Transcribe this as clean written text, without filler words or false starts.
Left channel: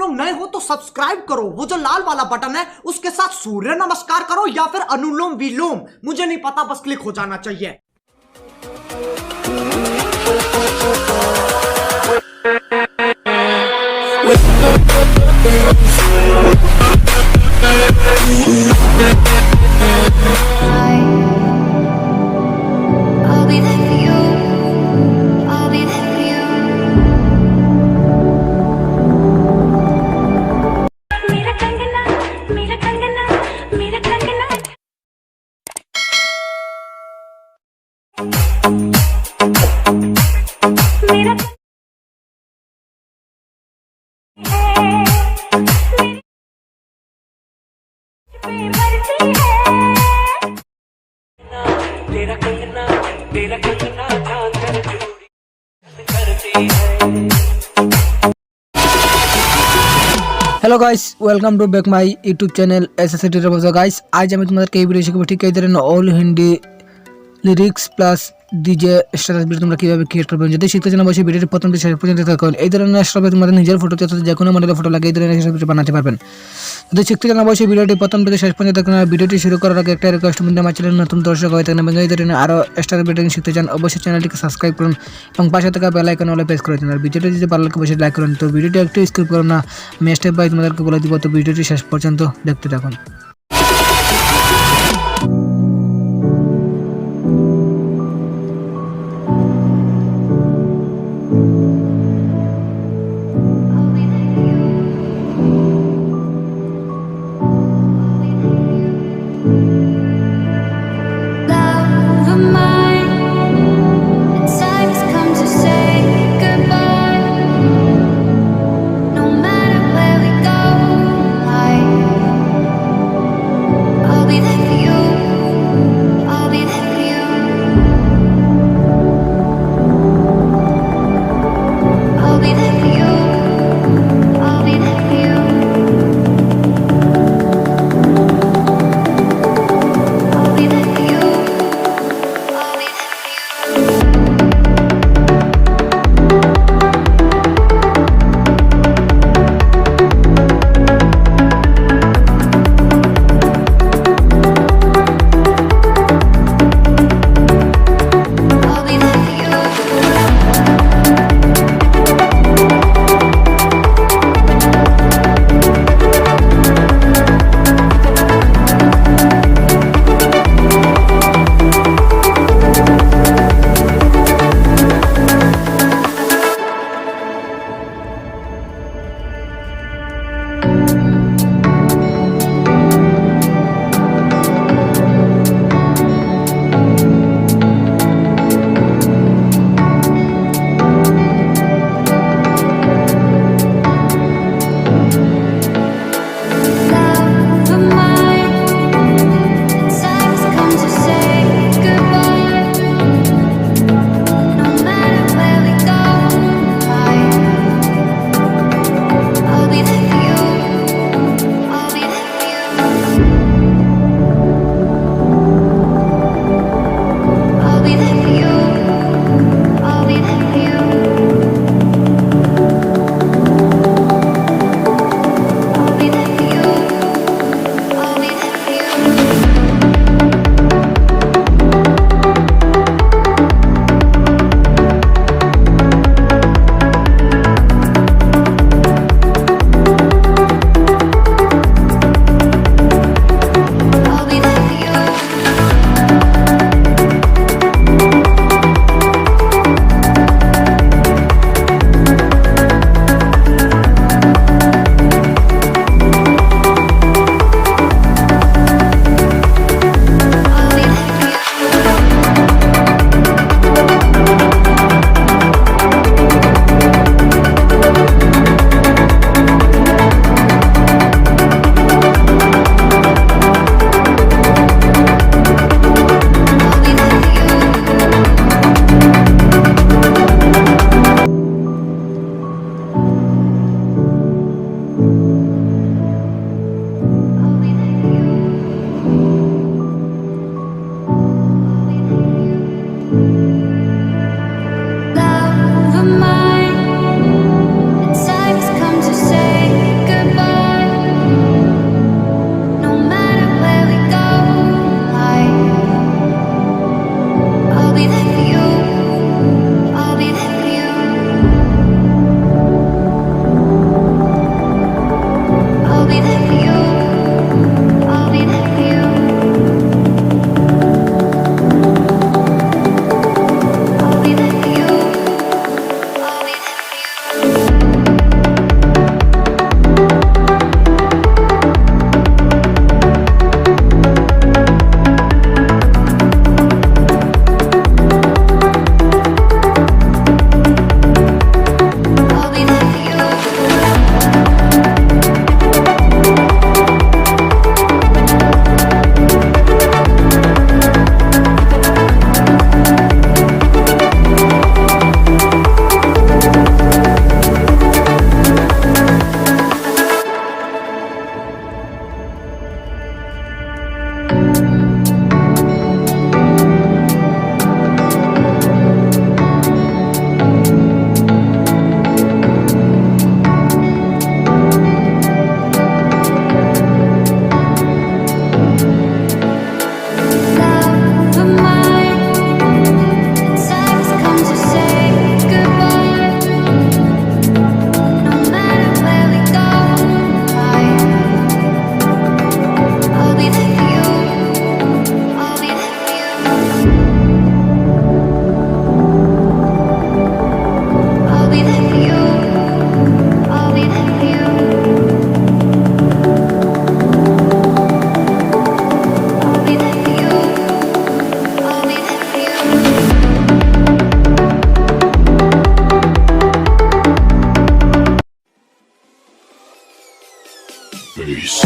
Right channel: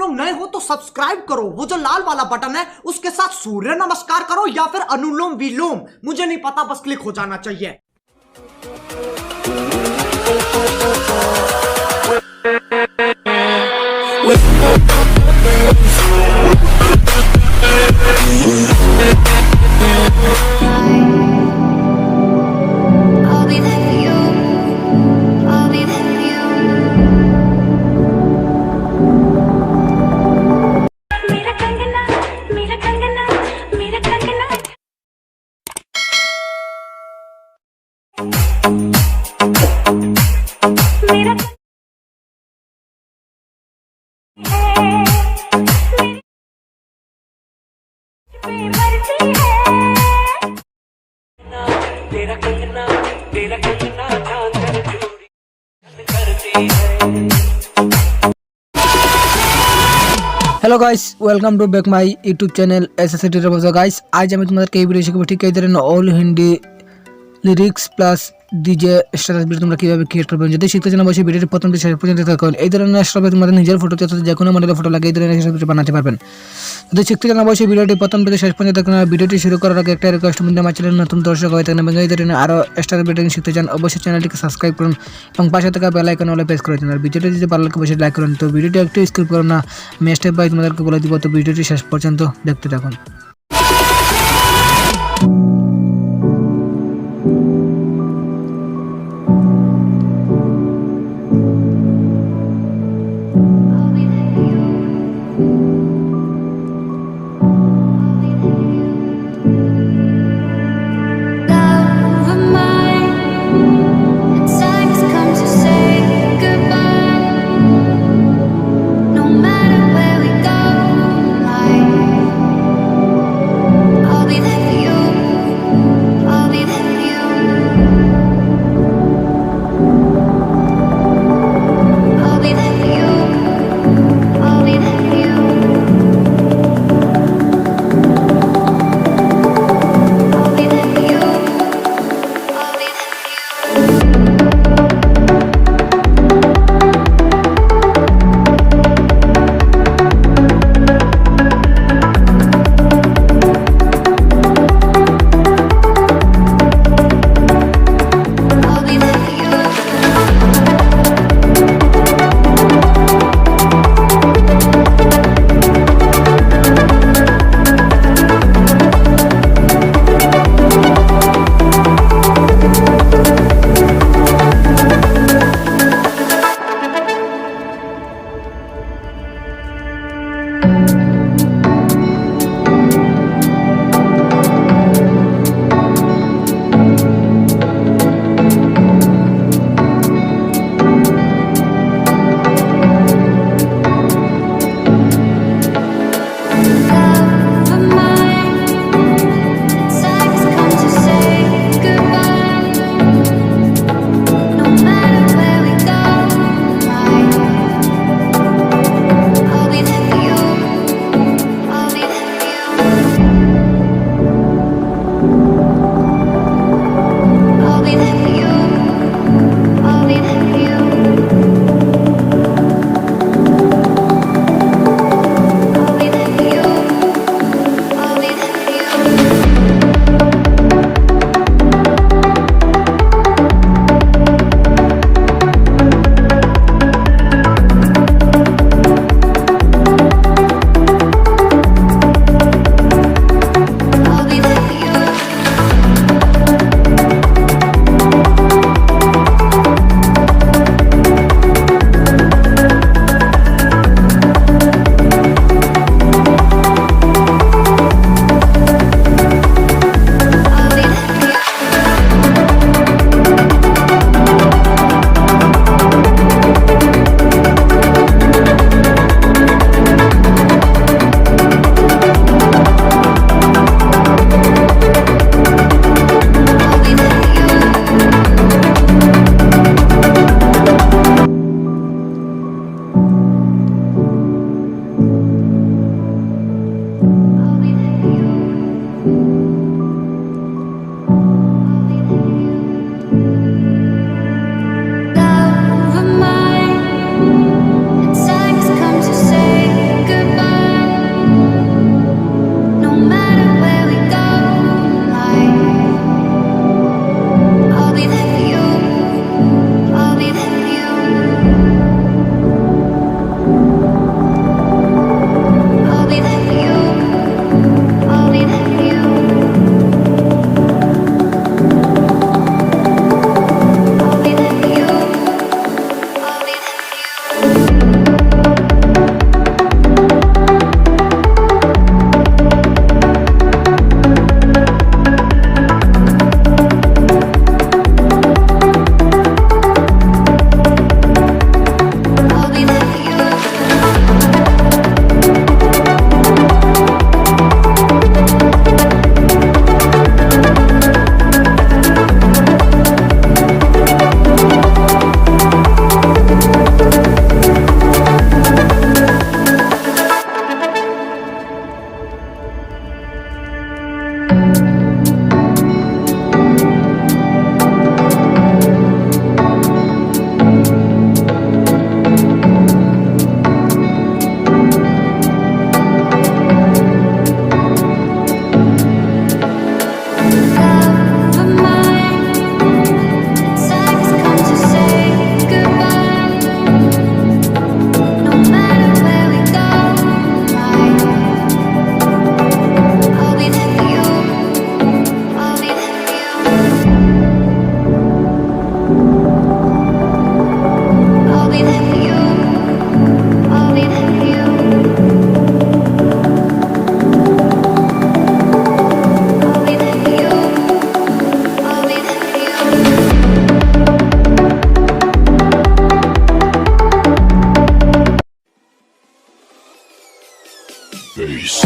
लोग नए हो तो सब्सक्राइब करो, वो जो लाल वाला बटन है उसके साथ सूर्य नमस्कार करो या फिर अनुलोम विलोम, मुझे नहीं पता, बस क्लिक हो जाना चाहिए। I'll be there for you. I'll be there for you. मेरा कंगना, मेरा कंगना, मेरा कंगना। मेरा तेरा कंगना ध्यान कर चूड़ी करती है। Hello guys, welcome to back my YouTube channel SSC teacher guys. आज আমি তোমাদেরকে এই ভিডিও শিখাবো ঠিক এই ধরনের all Hindi lyrics plus DJ status video তোমরা কিভাবে ক্রিয়েট করবে। যদি শিখতে চাও অবশ্যই ভিডিওটি প্রথম থেকে শেষ পর্যন্ত দেখুন। এই ধরনের স্ট্যাটাস তোমাদের নিজের ফটো অথবা যে কোনো মডেলের ফটো লাগিয়ে এই ধরনের স্ট্যাটাস বানাতে পারবেন। যদি শিখতে চাও অবশ্যই ভিডিওটি প্রথম থেকে শেষ পর্যন্ত দেখুন। আর ভিডিওটি শুরু করার আগে একটা রিকোয়েস্ট, তোমরা আমার চ্যানেলে নতুন দর্শক হয়ে থাকেন এবং এই ধরনের আরো স্ট্যাটাস ভিডিও শিখতে চান অবশ্যই চ্যানেলটিকে সাবস্ক্রাইব করুন এবং পাশে থাকা বেল আইকন অলে প্রেস করে দিন। আর ভিডিওটি যদি ভালো লাগে অবশ্যই লাইক করুন। তো ভিডিওটি একটু স্কিপ করুন না, আমি স্টেপ বাই তোমাদেরকে বলে দিব, তো ভিডিওটি শেষ পর্যন্ত দেখতে থাকুন। I'll be there for you. I'll be there for you. Love of mine, the time has come to say goodbye. No matter where we go in life, face.